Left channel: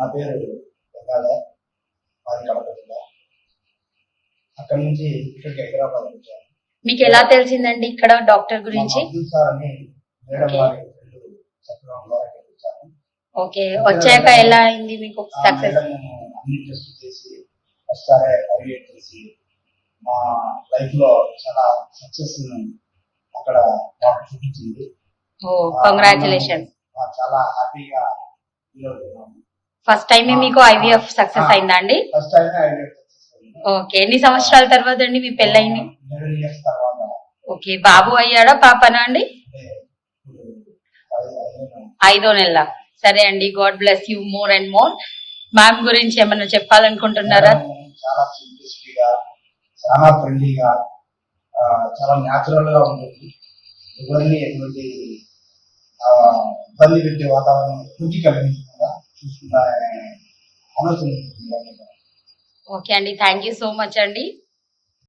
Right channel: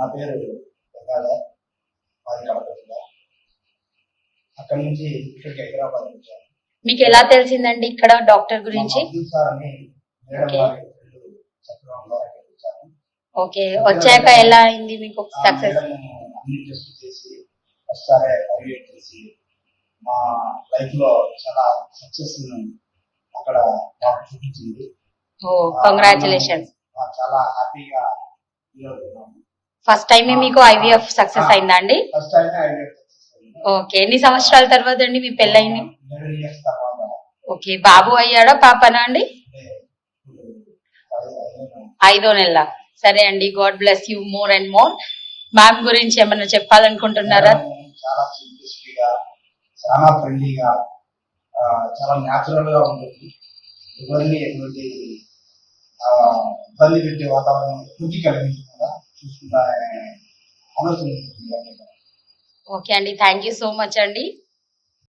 నా పేరు గంగాధర్, మాది కడప జిల్లా. అక్కడి నుంచి ఇక్కడికి హైదరాబాద్ వచ్చాను. మీకు ఎలా తెలిసిందండి ఇక్కడ డాక్టర్ గురించి? ఓకే, వచ్చాక ఎలా అయింది మీకు సక్సెస్? అన్ని టెస్ట్ చేసి ఫస్ట్ ఎవాల్యుయేట్ చేసి మా లైఫ్ లో చాలా సక్సెస్ అక్కడ డాక్టర్ చూపించింది. ఓ కంగ్రాచులేషన్స్. చాలా హ్యాపీగా ఫీల్ అవుతున్నాము. ఫస్ట్ టైం మీకు ఐవీఎఫ్ సక్సెస్ అయిందా అండి? ఫస్ట్ టైం ఐవీఎఫ్ సక్సెస్ అయింది. ఓకే, ఎన్ని సంవత్సరాల తర్వాత అండి మీ పెళ్ళయింది? 11 years తర్వాత. ఓకే, బాబు అయ్యాడా పాపనా అండి? 5వ నెల. సరే అండి, God bless you more and more. Ma'am గురించి ఏమన్నా చెప్పాలనుకుంటున్నారా? చాలా సింప్లిసిటీగా, చాలా ఫ్రెండ్లీగా, చాలా న్యాచురల్ గా ఉంటుంది. ఎవరిని ఎటువంటి ఇబ్బంది పెట్టే వాతావరణం ఎటువంటి కలిగించకుండా చూసుకున్న ఆలోచన ఉంటుంది. ఓకే అండి, థ్యాంక్ యూ సో మచ్ అండి.